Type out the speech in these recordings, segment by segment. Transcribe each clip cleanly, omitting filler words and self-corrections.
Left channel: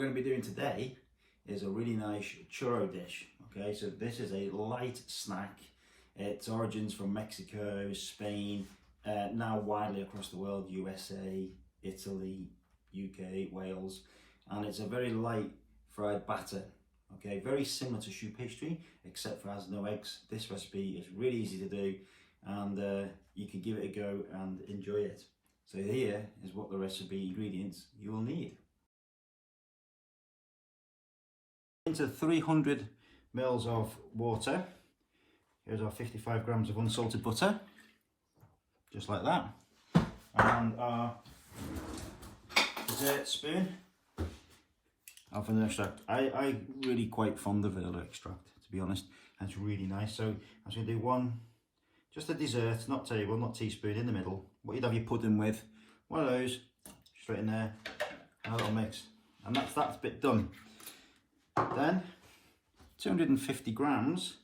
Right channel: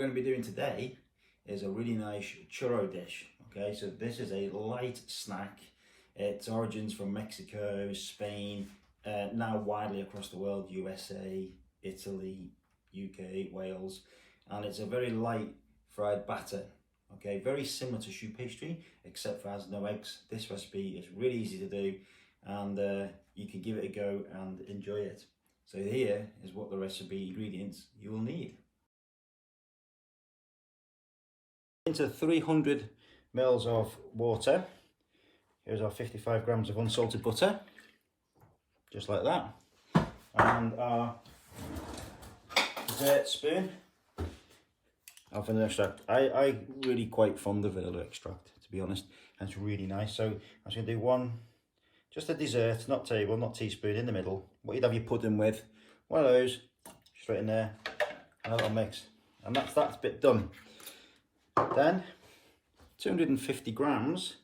What we're going to be doing today is a really nice churro dish. Okay, so this is a light snack. Its origins from Mexico, Spain, now widely across the world, USA, Italy, UK, Wales, and it's a very light fried batter. Okay, very similar to choux pastry, except for it has no eggs. This recipe is really easy to do, and you can give it a go and enjoy it. So here is what the recipe ingredients you will need. Into 300 mils of water. Here's our 55 grams of unsalted butter, just like that, and our dessert spoon of vanilla extract. I really quite fond of vanilla extract, to be honest, and it's really nice. So I'm just going to do just a dessert, not table, not teaspoon, in the middle. What you'd have your pudding with, one of those, straight in there, and a little mix, and that's bit done. Then 250 grams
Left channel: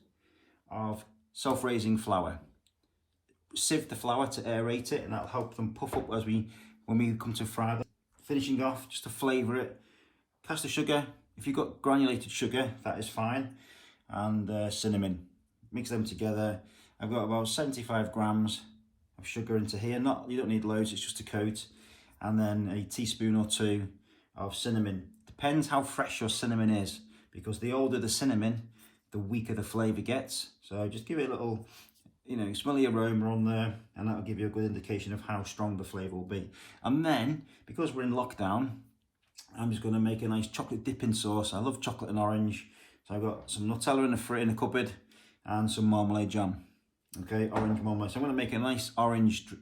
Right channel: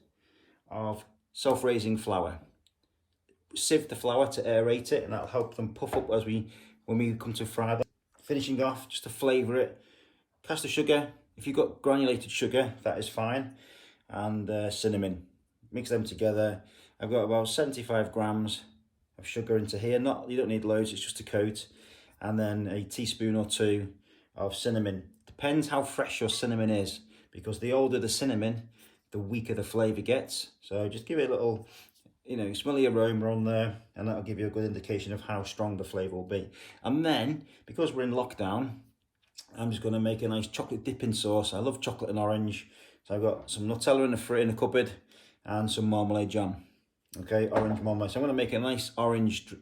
of self-raising flour. Sieve the flour to aerate it, and that'll help them puff up when we come to fry them. Finishing off, just to flavour it, caster sugar. If you've got granulated sugar, that is fine, and cinnamon. Mix them together. I've got about 75 grams of sugar into here. You don't need loads, it's just a coat, and then a teaspoon or two of cinnamon. Depends how fresh your cinnamon is, because the older the cinnamon, the weaker the flavour gets. So just give it a little, smell the aroma on there, and that'll give you a good indication of how strong the flavour will be. And then, because we're in lockdown, I'm just going to make a nice chocolate dipping sauce. I love chocolate and orange. So I've got some Nutella in the cupboard and some marmalade jam. Okay, orange marmalade. So I'm going to make a nice orange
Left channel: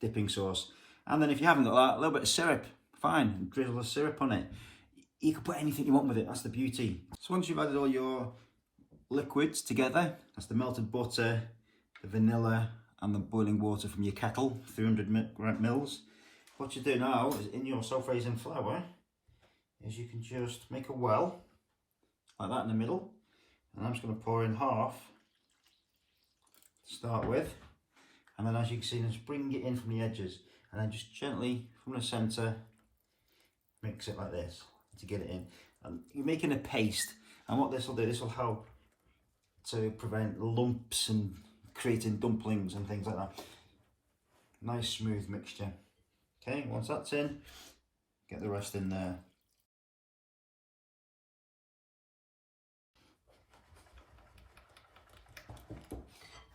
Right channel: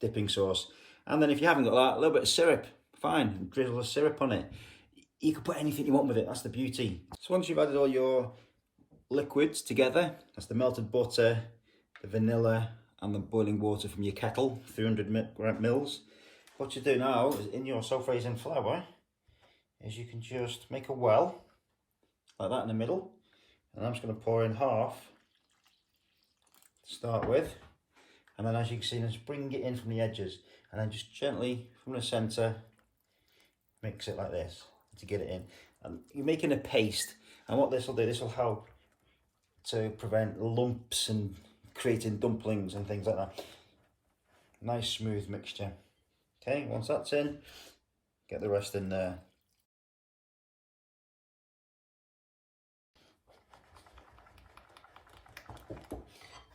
dipping sauce. And then if you haven't got that, a little bit of syrup, fine, drizzle of syrup on it. You can put anything you want with it, that's the beauty. So once you've added all your liquids together, that's the melted butter, the vanilla, and the boiling water from your kettle, 300 mils. What you do now is, in your self-raising flour, is you can just make a well, like that in the middle. And I'm just going to pour in half to start with. And then, as you can see, just bring it in from the edges. And then just gently, from the centre, mix it like this to get it in. And you're making a paste, and what this will do, this will help to prevent lumps and creating dumplings and things like that. Nice smooth mixture. Okay, once that's in, get the rest in there.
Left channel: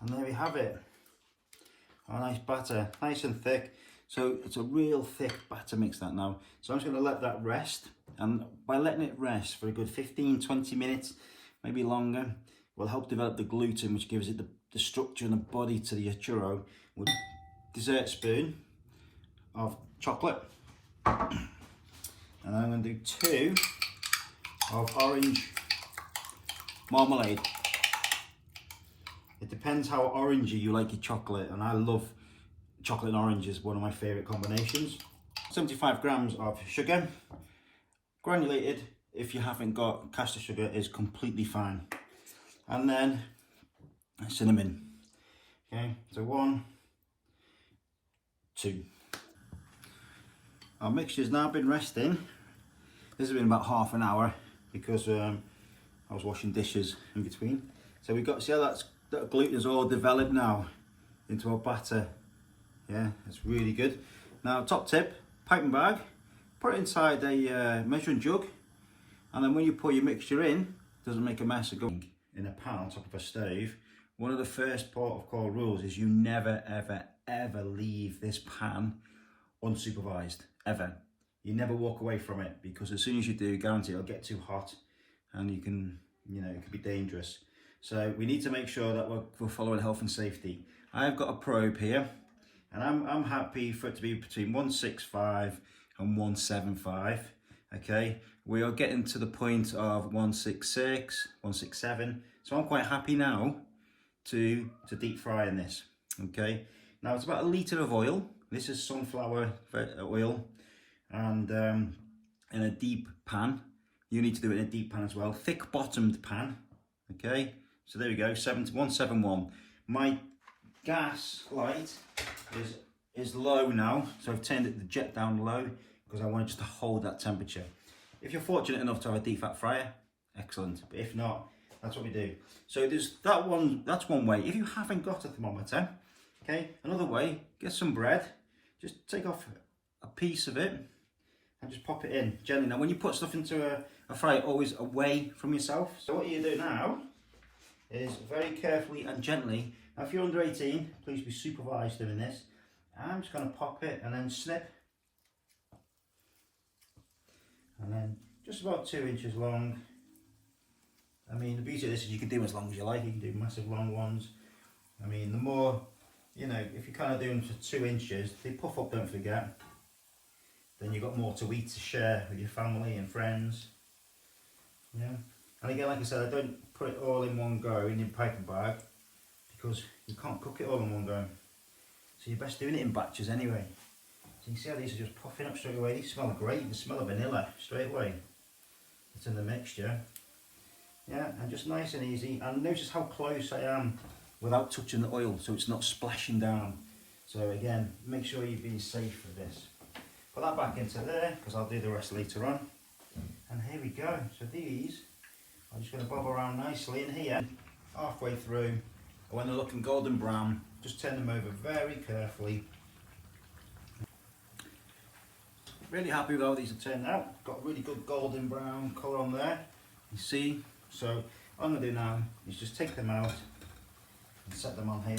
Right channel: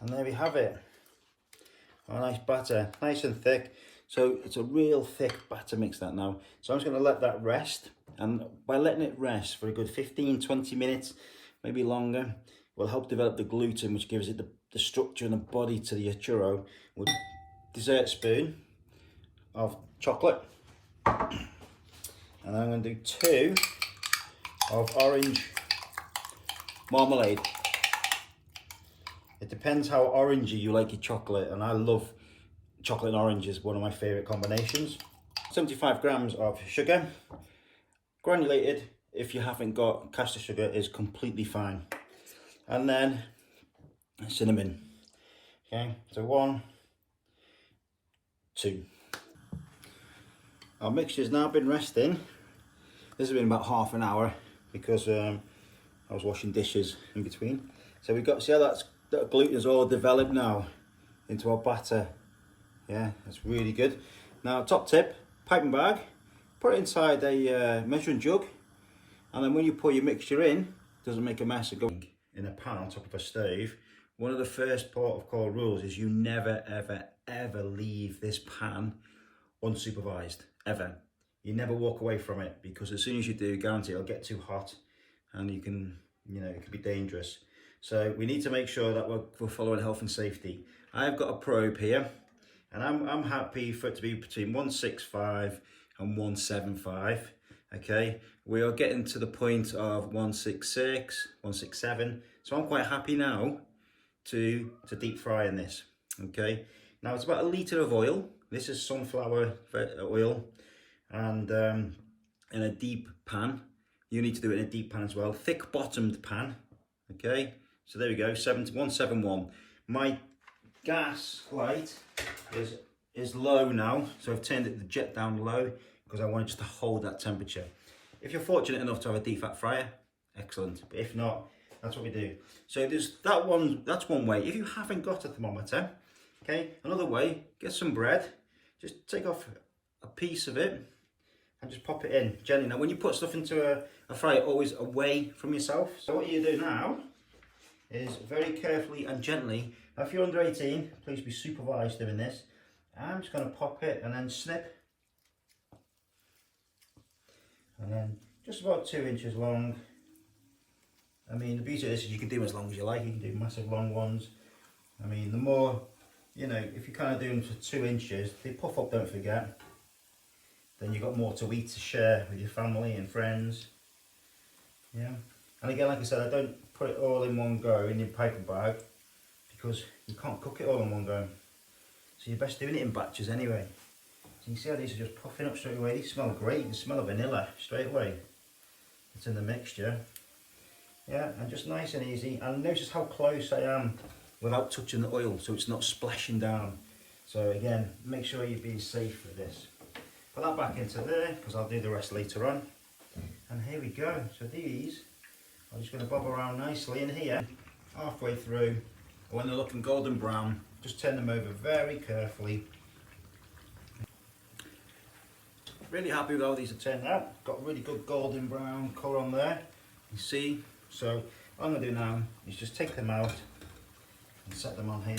And there we have it. Our nice batter, nice and thick. So it's a real thick batter mix that now. So I'm just going to let that rest, and by letting it rest for a good 15-20 minutes, maybe longer, will help develop the gluten, which gives it the structure and the body to the churro. With dessert spoon of chocolate, and I'm going to do 2 of orange marmalade. It depends how orangey you like your chocolate, and I love chocolate and orange is one of my favourite combinations. 75 grams of sugar, granulated. If you haven't got caster sugar, is completely fine. And then cinnamon. Okay, so 1, 2. Our mixture's now been resting. This has been about half an hour, because I was washing dishes in between. So we've got, see how that gluten is all developed now into our batter. Yeah, that's really good. Now, top tip, piping bag, put it inside a measuring jug, and then when you pour your mixture in, it doesn't make a mess of going in a pan on top of a stove. One of the first port of call rules is you never, ever, ever leave this pan unsupervised, ever. You never walk away from it, because as soon as you do, guarantee it'll get too hot, and it can be dangerous. So we need to make sure that we're following health and safety. I've got a probe here, and I'm happy for it to be between 165 and 175. Okay, we are getting to the point of 166, 167. So I'm quite happy now to deep fry in this. Okay, now it's about 1 litre of oil. This is sunflower oil, and in a deep pan. You need to do it in a deep pan as well, thick bottomed pan. Okay, so there we go, 171. My gas light is low now, so I've turned the jet down low, because I want it just to hold that temperature. If you're fortunate enough to have a deep fat fryer, excellent. But if not, that's what we do. So there's that one. That's one way. If you haven't got a thermometer, okay, another way, get some bread. Just take off a piece of it and just pop it in gently. Now, when you put stuff into a fryer, always away from yourself. So what you do now is very carefully and gently. Now, if you're under 18, please be supervised doing this. I'm just going to pop it and then snip. And then just about 2 inches long. I mean, the beauty of this is you can do as long as you like. You can do massive long ones. I mean, the more, you know, if you kind of do them for 2 inches, they puff up, don't forget. Then you've got more to eat to share with your family and friends. Yeah. And again, like I said, I don't put it all in one go in your paper bag because you can't cook it all in one go. So you're best doing it in batches anyway. So you can see how these are just puffing up straight away. These smell great. They smell of vanilla straight away. It's in the mixture. Yeah, and just nice and easy. And notice how close I am without touching the oil, so it's not splashing down. So again, make sure you're being safe with this. Put that back into there, because I'll do the rest later on. And here we go. So these are just going to bob around nicely in here, halfway through. When they're looking golden brown, just turn them over very carefully. Really happy with how these have turned out. Got really good golden brown colour on there. You see? So what I'm going to do now is just take them out and set them on here.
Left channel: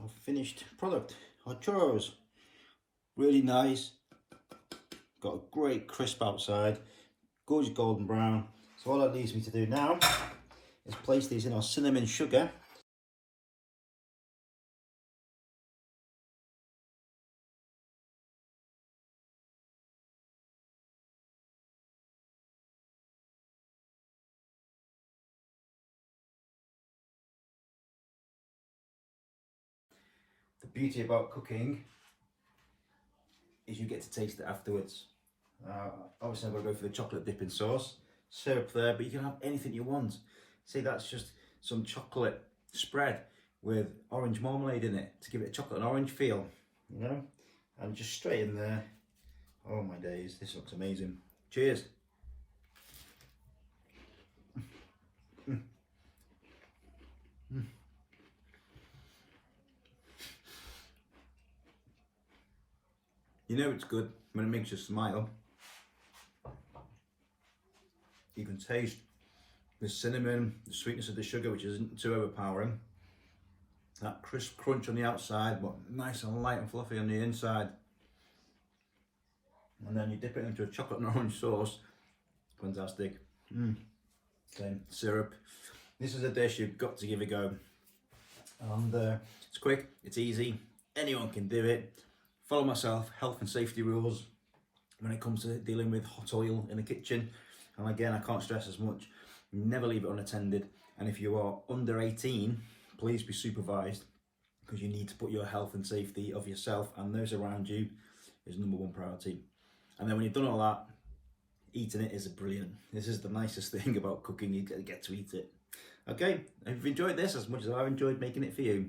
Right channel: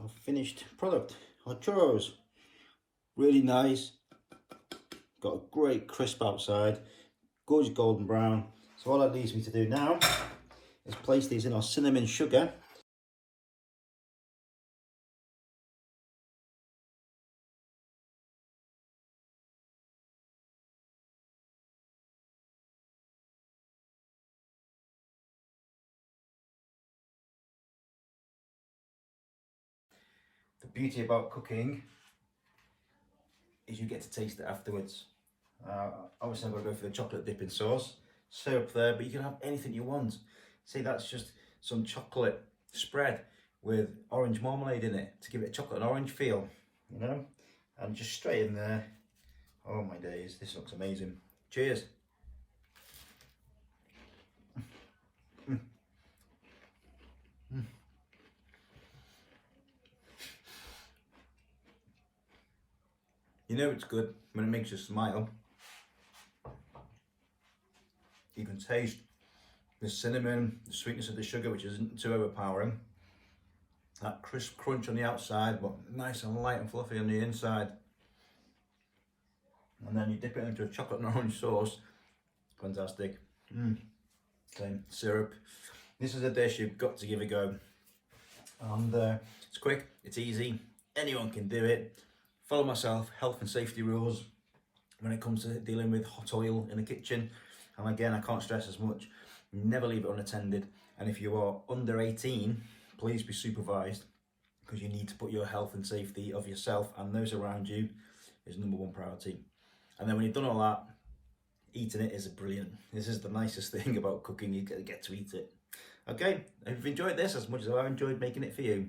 Our finished product, our churros. Really nice. Got a great crisp outside, gorgeous golden brown. So all that leaves me to do now is place these in our cinnamon sugar. The beauty about cooking is you get to taste it afterwards. Obviously I'm going to go for the chocolate dipping sauce, syrup there, but you can have anything you want. See, that's just some chocolate spread with orange marmalade in it to give it a chocolate and orange feel, you know, and just straight in there. Oh my days, this looks amazing. Cheers. You know it's good when it makes you smile. You can taste the cinnamon, the sweetness of the sugar, which isn't too overpowering. That crisp crunch on the outside, but nice and light and fluffy on the inside. And then you dip it into a chocolate and orange sauce. Fantastic. Same syrup. This is a dish you've got to give a go. And it's quick, it's easy, anyone can do it. Follow myself, health and safety rules when it comes to dealing with hot oil in the kitchen. And again, I can't stress as much, never leave it unattended. And if you are under 18, please be supervised, because you need to put your health and safety of yourself and those around you is #1 priority. And then when you've done all that, eating it is brilliant. This is the nicest thing about cooking, you get to eat it. Okay, if you've enjoyed this as much as I've enjoyed making it for you,